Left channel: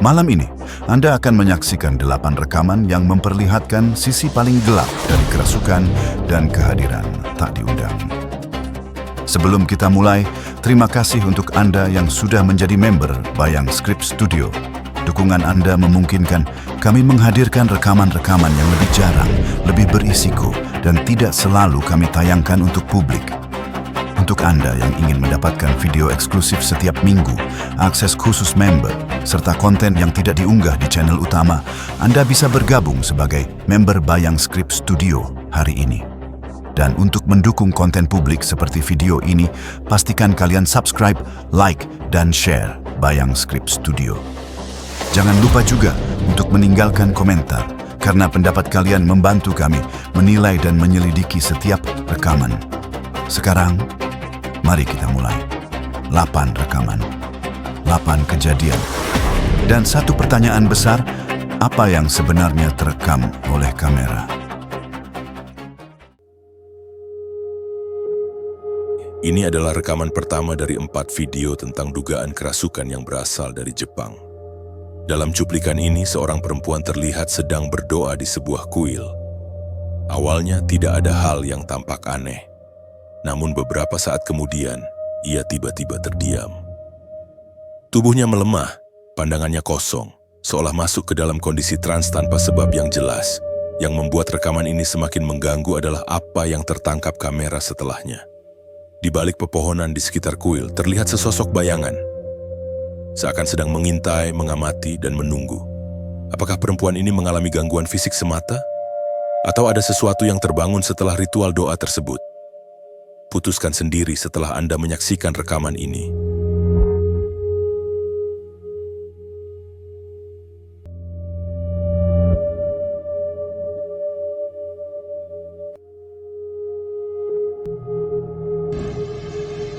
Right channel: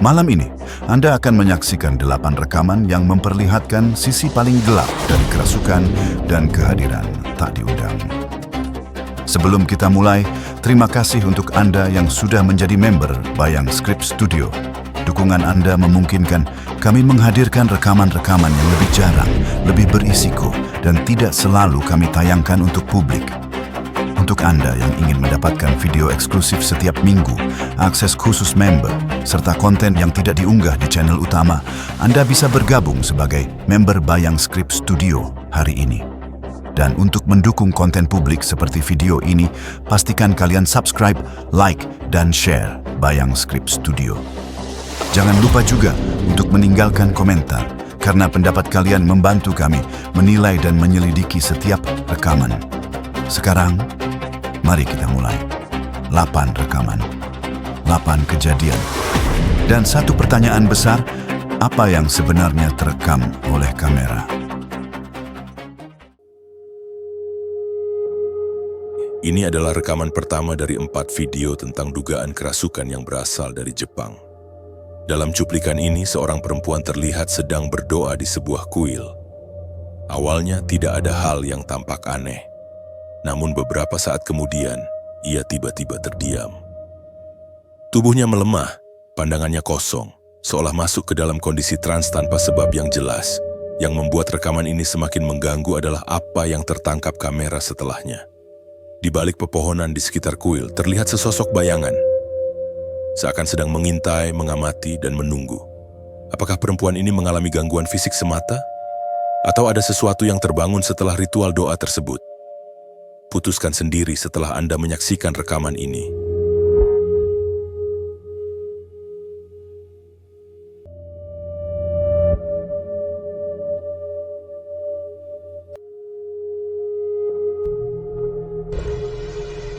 Malam ini, Anda akan menyaksikan 8 rekaman yang memperlihatkan sisi paling gelap dari kerasukan dan kehadiran tak diundang. Sebelum kita mulai, terima kasih untuk Anda yang sudah menjadi member Bayang Script Studio. Dukungan Anda memungkinkan kami menghadirkan rekaman-rekaman yang lebih jarang, lebih berisiko, dan tidak selalu kami tayangkan untuk publik. Untuk Anda yang ingin mendapatkan video eksklusif setiap minggu, akses khusus member, serta konten yang tidak diunggah di channel utama, Anda bisa bergabung sebagai member Bayang Script Studio hari ini. Dan untuk mendukung konten publik seperti video ini, pastikan kalian subscribe, like, dan share Bayang Script Studio. Jangan lupa juga untuk meninggalkan komentar, karena pendapat kalian membantu kami menilai dan menyelidiki setiap rekaman. Sekarang, mari kita mulai. 8 rekaman, 8 kejadian. Dan satu pertanyaan besar, apa yang sebenarnya terekam oleh kamera? Ini adalah rekaman pertama dari 4 video tentang dugaan kerasukan yang berasal dari Jepang. Dalam cuplikan ini, seorang perempuan terlihat sedang berdoa di sebuah kuil. Awalnya tidak ada hal yang tampak aneh. Namun beberapa saat kemudian, ia tiba-tiba terdiam. Tubuhnya melemah, pandangannya kosong, seolah masuk ke dalam kondisi trans tanpa sebab yang jelas. Yang membuat rekaman ini semakin mengganggu adalah apa yang tertangkap kamera setelahnya. Di balik pepohonan di sekitar kuil, terlihat sesosok bayangan. Seakan sedang mengintai, mengamati, dan menunggu. Apakah perempuan ini mengalami gangguan fisik semata? Atau ada sesuatu yang terbangun setelah ritual doa tersebut? Putuskan sendiri setelah Anda menyaksikan rekaman ini.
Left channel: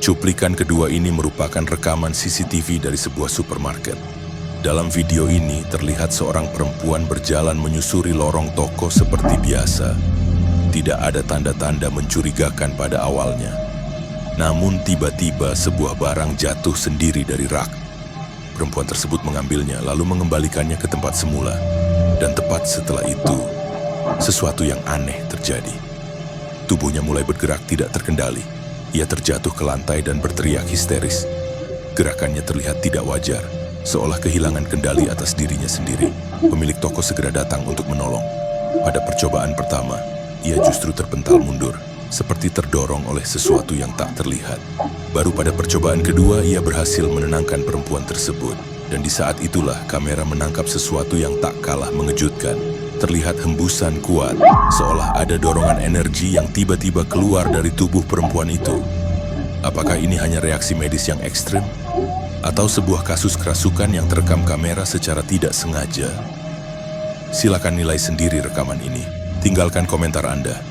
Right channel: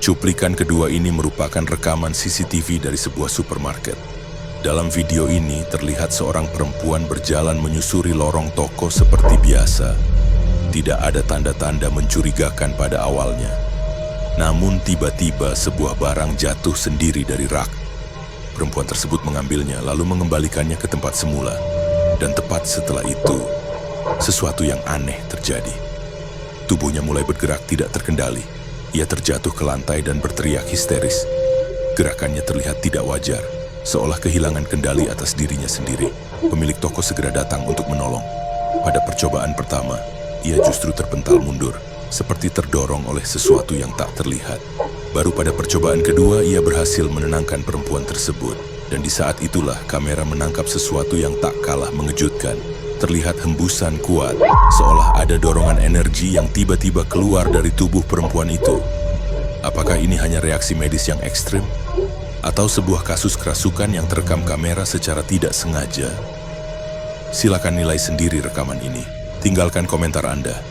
Cuplikan kedua ini merupakan rekaman CCTV dari sebuah supermarket. Dalam video ini terlihat seorang perempuan berjalan menyusuri lorong toko seperti biasa. Tidak ada tanda-tanda mencurigakan pada awalnya. Namun tiba-tiba sebuah barang jatuh sendiri dari rak. Perempuan tersebut mengambilnya lalu mengembalikannya ke tempat semula. Dan tepat setelah itu, sesuatu yang aneh terjadi. Tubuhnya mulai bergerak tidak terkendali. Ia terjatuh ke lantai dan berteriak histeris. Gerakannya terlihat tidak wajar, seolah kehilangan kendali atas dirinya sendiri. Pemilik toko segera datang untuk menolong. Pada percobaan pertama, ia justru terpental mundur, seperti terdorong oleh sesuatu yang tak terlihat. Baru pada percobaan kedua, ia berhasil menenangkan perempuan tersebut. Dan di saat itulah kamera menangkap sesuatu yang tak kalah mengejutkan. Terlihat hembusan kuat, seolah ada dorongan energi yang tiba-tiba keluar dari tubuh perempuan itu. Apakah ini hanya reaksi medis yang ekstrim? Atau sebuah kasus kerasukan yang terekam kamera secara tidak sengaja? Silakan nilai sendiri rekaman ini. Tinggalkan komentar Anda.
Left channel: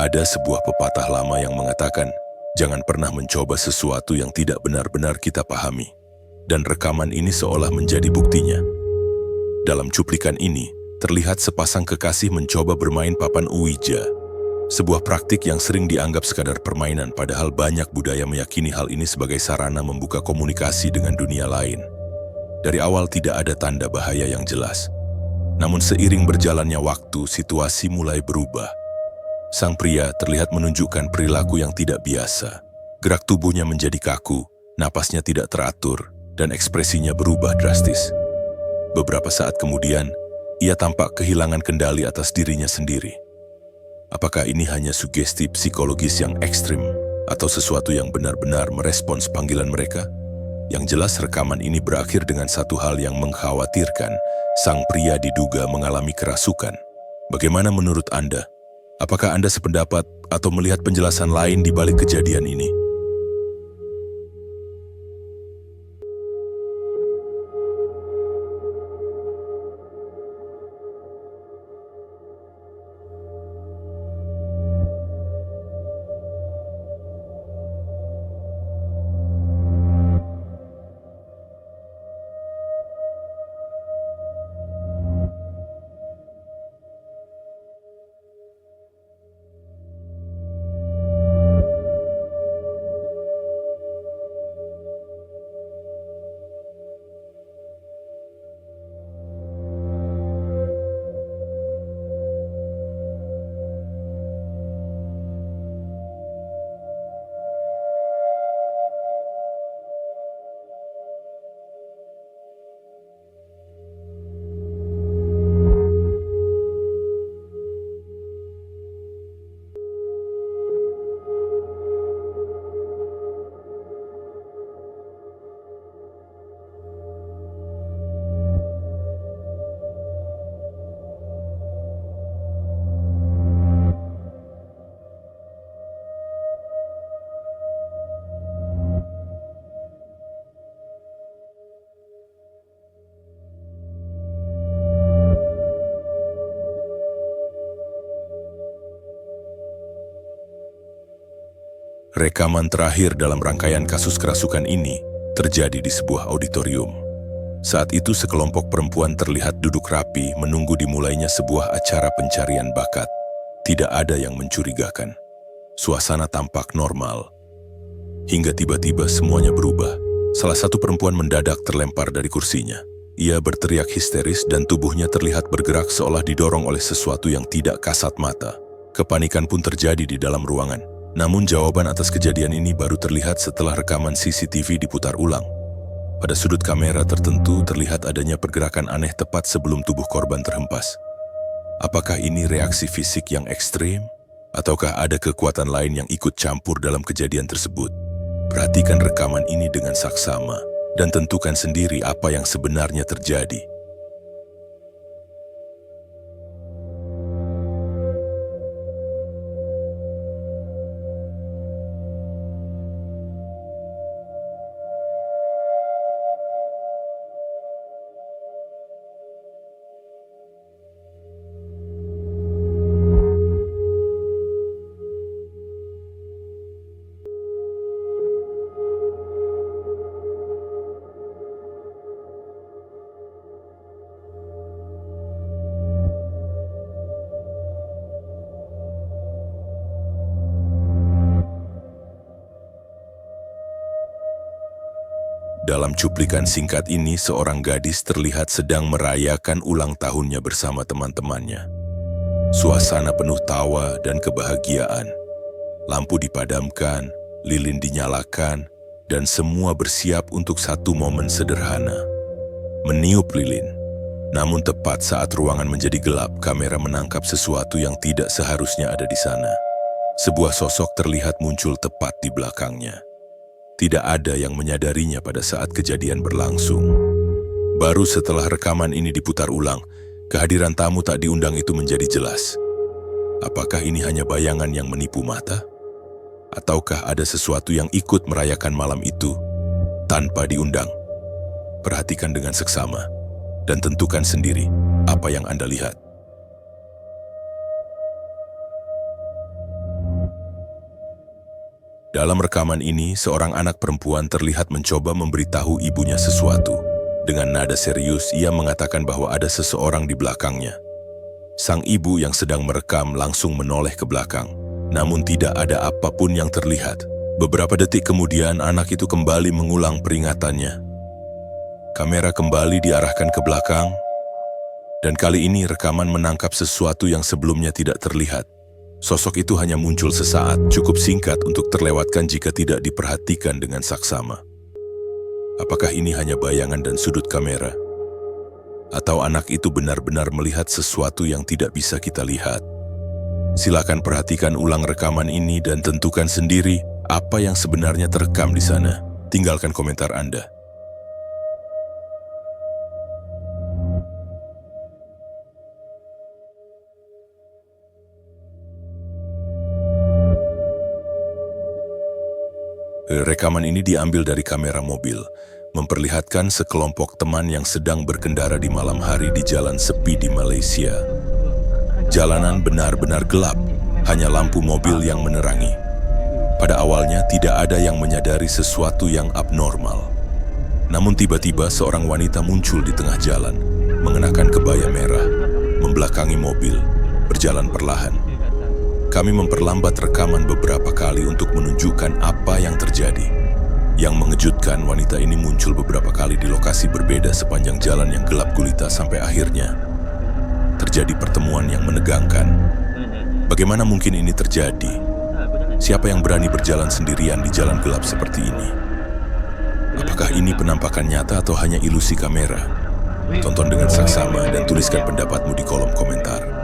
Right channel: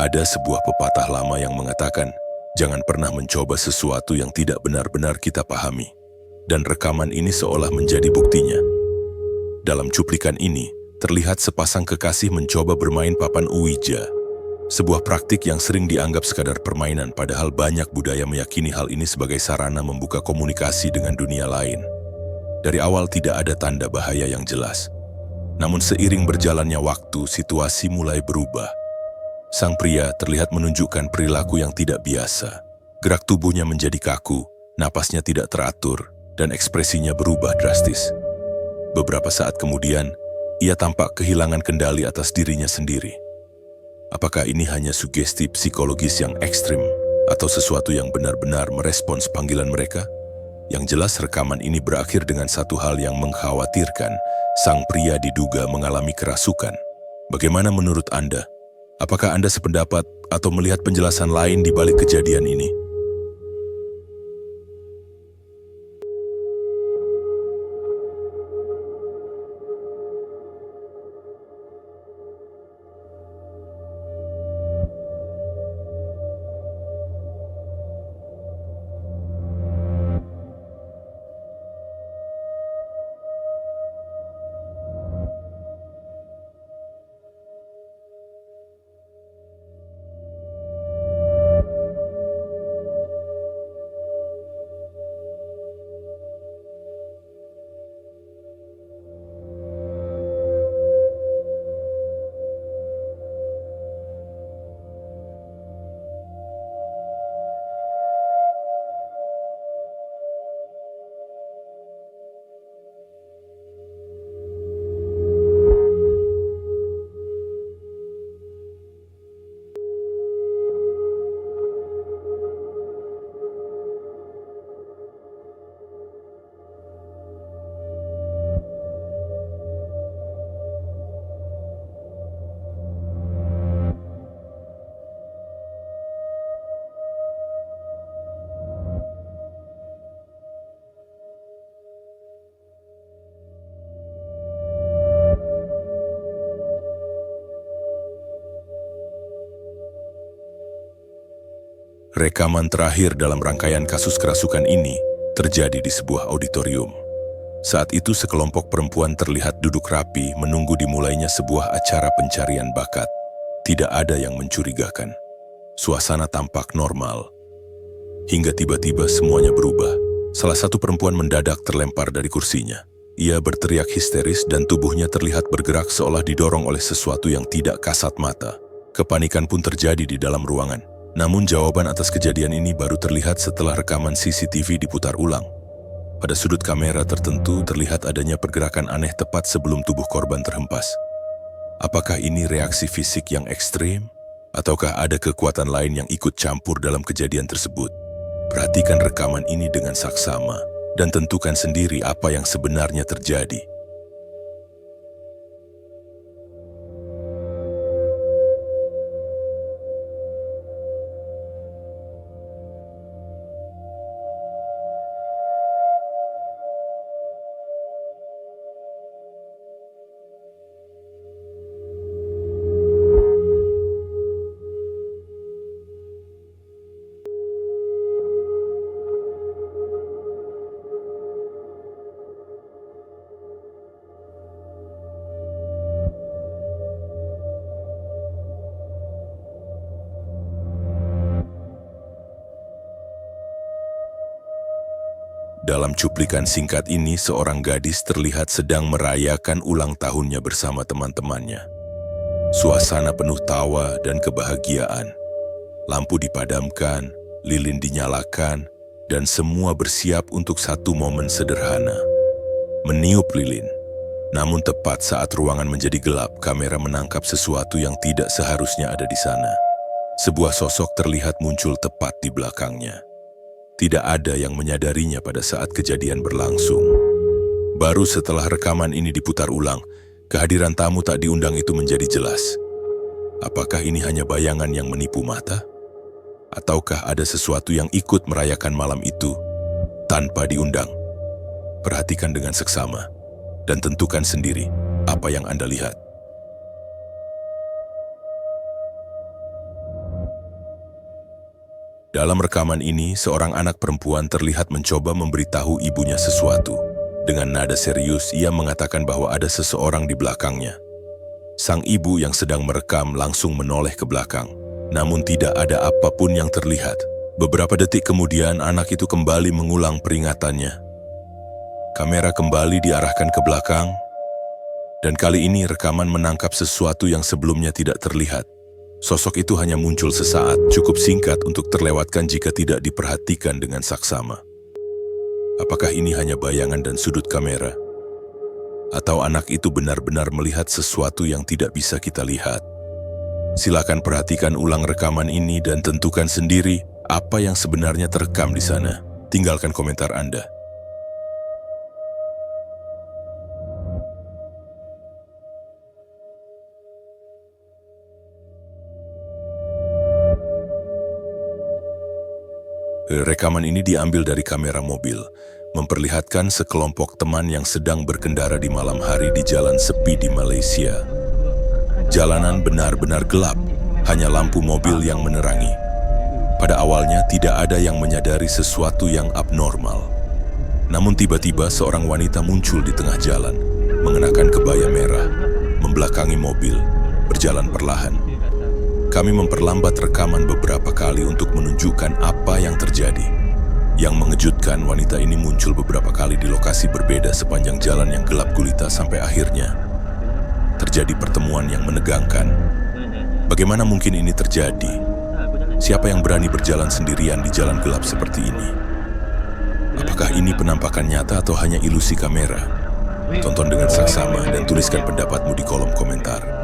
Ada sebuah pepatah lama yang mengatakan, jangan pernah mencoba sesuatu yang tidak benar-benar kita pahami. Dan rekaman ini seolah menjadi buktinya. Dalam cuplikan ini, terlihat sepasang kekasih mencoba bermain papan Ouija. Sebuah praktik yang sering dianggap sekadar permainan, padahal banyak budaya meyakini hal ini sebagai sarana membuka komunikasi dengan dunia lain. Dari awal tidak ada tanda bahaya yang jelas. Namun seiring berjalannya waktu, situasi mulai berubah. Sang pria terlihat menunjukkan perilaku yang tidak biasa. Gerak tubuhnya menjadi kaku, napasnya tidak teratur, dan ekspresinya berubah drastis. Beberapa saat kemudian, ia tampak kehilangan kendali atas dirinya sendiri. Apakah ini hanya sugesti psikologis yang ekstrim, atau sesuatu yang benar-benar merespons panggilan mereka? Yang jelas rekaman ini berakhir dengan satu hal yang mengkhawatirkan. Sang pria diduga mengalami kerasukan. Bagaimana menurut Anda? Apakah Anda sependapat atau melihat penjelasan lain di balik kejadian ini? Rekaman terakhir dalam rangkaian kasus kerasukan ini terjadi di sebuah auditorium. Saat itu sekelompok perempuan terlihat duduk rapi menunggu dimulainya sebuah acara pencarian bakat. Tidak ada yang mencurigakan. Suasana tampak normal. Hingga tiba-tiba semuanya berubah. Salah satu perempuan mendadak terlempar dari kursinya. Ia berteriak histeris dan tubuhnya terlihat bergerak seolah didorong oleh sesuatu yang tidak kasat mata. Kepanikan pun terjadi di dalam ruangan. Namun jawaban atas kejadian ini baru terlihat setelah rekaman CCTV diputar ulang. Pada sudut kamera tertentu terlihat adanya pergerakan aneh tepat sebelum tubuh korban terhempas. Apakah ini reaksi fisik yang ekstrim? Ataukah ada kekuatan lain yang ikut campur dalam kejadian tersebut? Perhatikan rekaman ini dengan saksama dan tentukan sendiri apa yang sebenarnya terjadi. Dalam cuplikan singkat ini, seorang gadis terlihat sedang merayakan ulang tahunnya bersama teman-temannya. Suasana penuh tawa dan kebahagiaan. Lampu dipadamkan, lilin dinyalakan, dan semua bersiap untuk satu momen sederhana. Meniup lilin. Namun tepat saat ruangan menjadi gelap, kamera menangkap sesuatu yang tidak seharusnya ada di sana. Sebuah sosok terlihat muncul tepat di belakangnya. Tidak ada yang menyadarinya pada saat kejadian berlangsung. Baru setelah rekaman ini diputar ulang, kehadiran tamu tak diundang itu menjadi jelas. Apakah ini hanya bayangan yang menipu mata? Ataukah ada sesuatu yang ikut merayakan malam itu tanpa diundang? Perhatikan dengan seksama dan tentukan sendiri apa yang Anda lihat. Dalam rekaman ini, seorang anak perempuan terlihat mencoba memberitahu ibunya sesuatu. Dengan nada serius, ia mengatakan bahwa ada seseorang di belakangnya. Sang ibu yang sedang merekam langsung menoleh ke belakang, namun tidak ada apapun yang terlihat. Beberapa detik kemudian, anak itu kembali mengulang peringatannya. Kamera kembali diarahkan ke belakang, dan kali ini rekaman menangkap sesuatu yang sebelumnya tidak terlihat. Sosok itu hanya muncul sesaat, cukup singkat untuk terlewatkan jika tidak diperhatikan dengan saksama. Apakah ini hanya bayangan dan sudut kamera? Atau anak itu benar-benar melihat sesuatu yang tidak bisa kita lihat? Silakan perhatikan ulang rekaman ini dan tentukan sendiri apa yang sebenarnya terekam di sana. Tinggalkan komentar Anda. Rekaman ini diambil dari kamera mobil, memperlihatkan sekelompok teman yang sedang berkendara di malam hari di jalan sepi di Malaysia. Jalanan benar-benar gelap, hanya lampu mobil yang menerangi. Pada awalnya tidak ada yang menyadari sesuatu yang abnormal. Namun tiba-tiba seorang wanita muncul di tengah jalan, mengenakan kebaya merah, membelakangi mobil, berjalan perlahan. Kami memperlambat rekaman beberapa kali untuk menunjukkan apa yang terjadi. Yang mengejutkan, wanita ini muncul beberapa kali di lokasi berbeda sepanjang jalan yang gelap gulita sampai akhirnya terjadi pertemuan yang menegangkan. Bagaimana mungkin ini terjadi? Siapa yang berani berjalan sendirian di jalan gelap seperti ini? Apakah ini penampakan nyata atau hanya ilusi kamera? Tonton dengan saksama dan tuliskan pendapatmu di kolom komentar.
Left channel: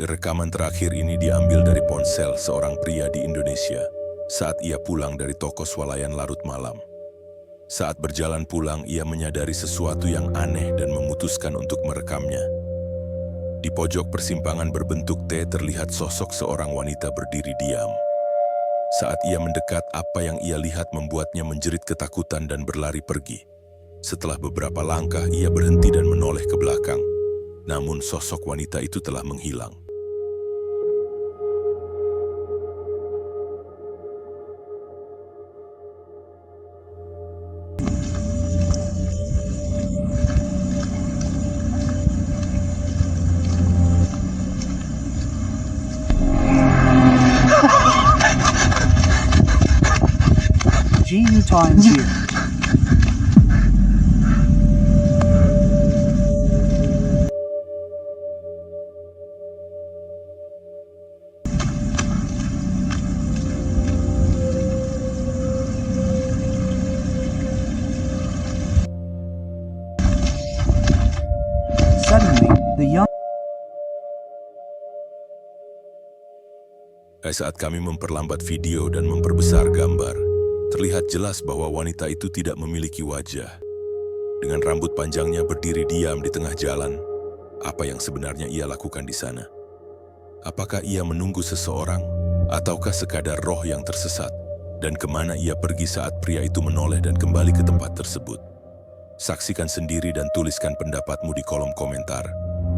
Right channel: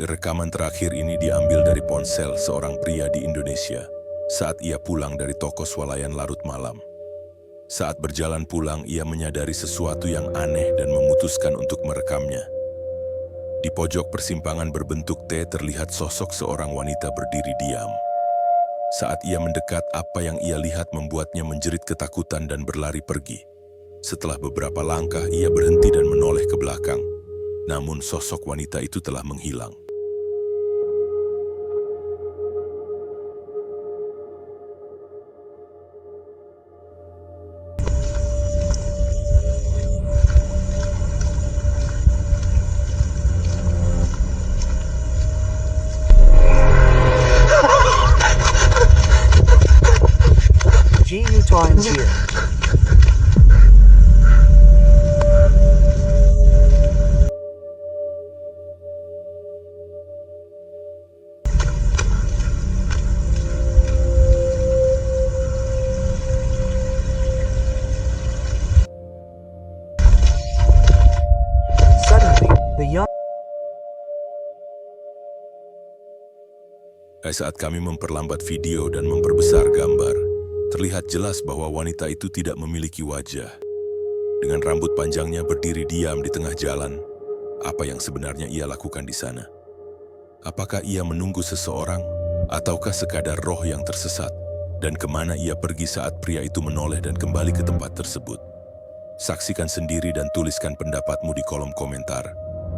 Rekaman terakhir ini diambil dari ponsel seorang pria di Indonesia saat ia pulang dari toko swalayan larut malam. Saat berjalan pulang, ia menyadari sesuatu yang aneh dan memutuskan untuk merekamnya. Di pojok persimpangan berbentuk T terlihat sosok seorang wanita berdiri diam. Saat ia mendekat, apa yang ia lihat membuatnya menjerit ketakutan dan berlari pergi. Setelah beberapa langkah, ia berhenti dan menoleh ke belakang. Namun sosok wanita itu telah menghilang. GU Times here. Suddenly, the young Saat kami memperlambat video dan memperbesar gambar, Terlihat jelas bahwa wanita itu tidak memiliki wajah. Dengan rambut panjangnya berdiri diam di tengah jalan, apa yang sebenarnya ia lakukan di sana? Apakah ia menunggu seseorang, ataukah sekadar roh yang tersesat? Dan kemana ia pergi saat pria itu menoleh dan kembali ke tempat tersebut? Saksikan sendiri dan tuliskan pendapatmu di kolom komentar.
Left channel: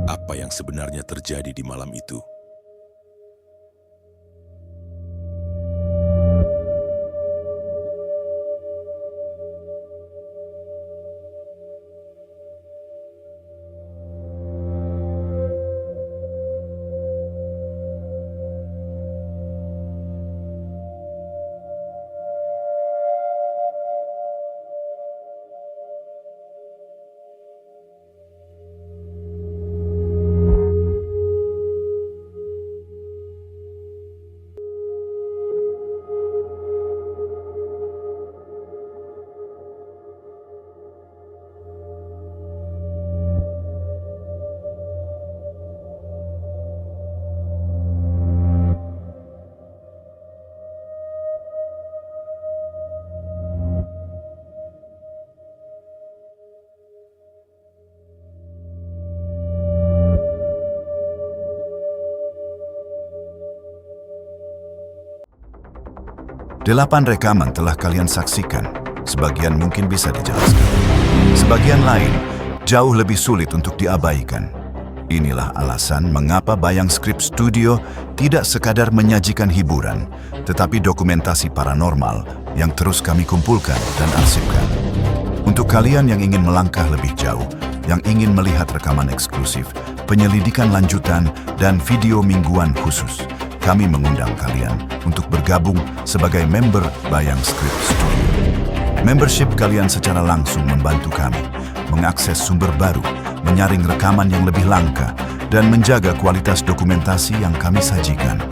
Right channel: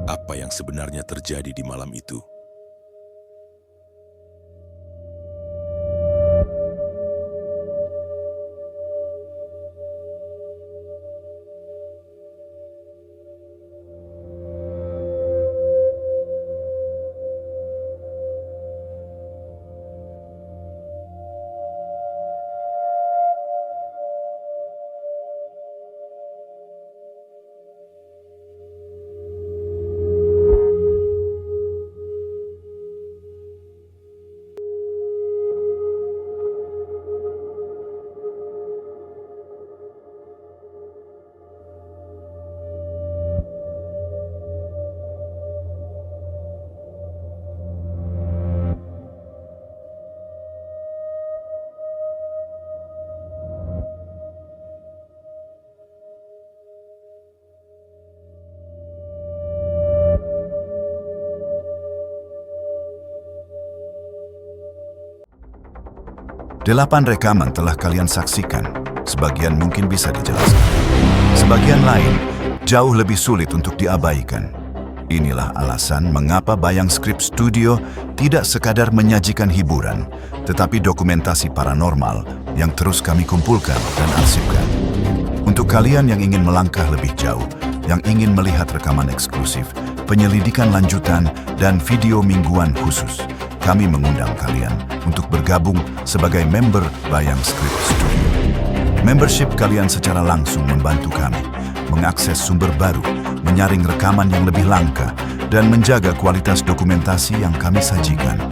Apa yang sebenarnya terjadi di malam itu? Delapan rekaman telah kalian saksikan. Sebagian mungkin bisa dijelaskan. Sebagian lain jauh lebih sulit untuk diabaikan. Inilah alasan mengapa Bayang Script Studio tidak sekadar menyajikan hiburan, tetapi dokumentasi paranormal yang terus kami kumpulkan dan arsipkan. Untuk kalian yang ingin melangkah lebih jauh, yang ingin melihat rekaman eksklusif, penyelidikan lanjutan, dan video mingguan khusus, kami mengundang kalian untuk bergabung sebagai member Bayang Script Studio. Membership kalian secara langsung membantu kami mengakses sumber baru, menyaring rekaman yang lebih langka, dan menjaga kualitas dokumentasi yang kami sajikan.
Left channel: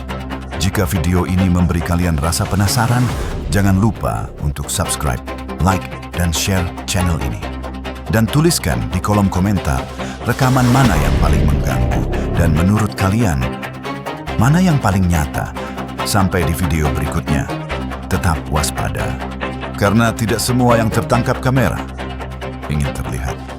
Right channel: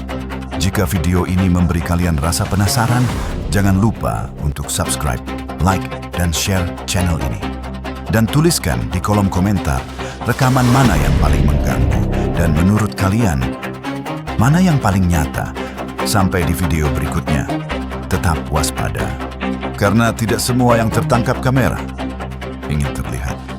Jika video ini memberi kalian rasa penasaran, jangan lupa untuk subscribe, like, dan share channel ini. Dan tuliskan di kolom komentar rekaman mana yang paling mengganggu dan menurut kalian mana yang paling nyata. Sampai di video berikutnya, tetap waspada. Karena tidak semua yang tertangkap kamera ingin terlihat.